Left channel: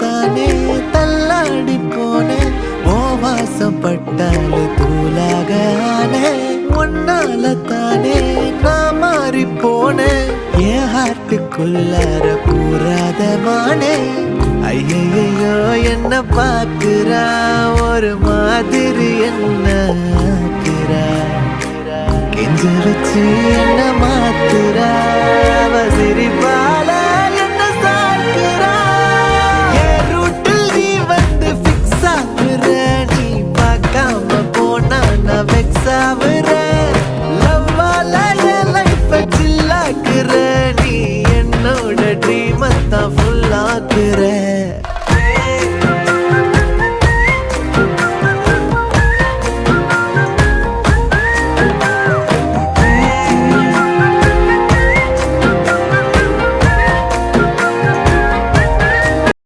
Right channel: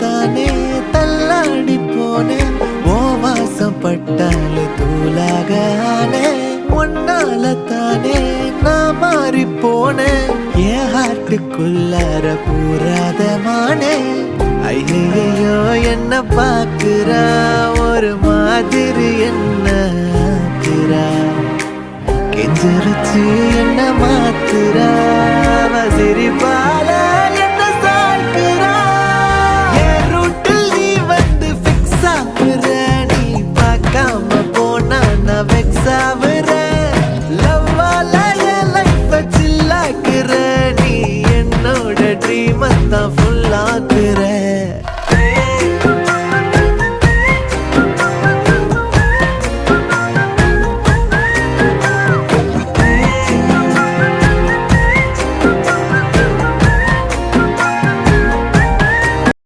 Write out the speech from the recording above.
தானே தள்ளாடி போனேன் ஓ வாசம் பட்டாலே தூளாக ஆனே உன்னால தானே நான் மாறி போனேன் என் ஹார்ட்டுக்குள்ளார பூராத மானே ஐயையோ என்ன பாக்குறா ஒரு மாதிரி என்ன ஆக்குறா கெஞ்ச வச்சு என்ன மாத்துறா அவ சிரிப்பால என்ன சாய்க்கிறா என் ரூட்டில் நீ வந்து ஃபிக்ஸ் ஆகுற நீ பார்க்காம போனா நான் வெக்ஸ் ஆகுற லவ்வால என் லைஃப் சில்லாக்குற நீ என்னோட ட்ரீம் தான் ஃபுல் ஆக்குற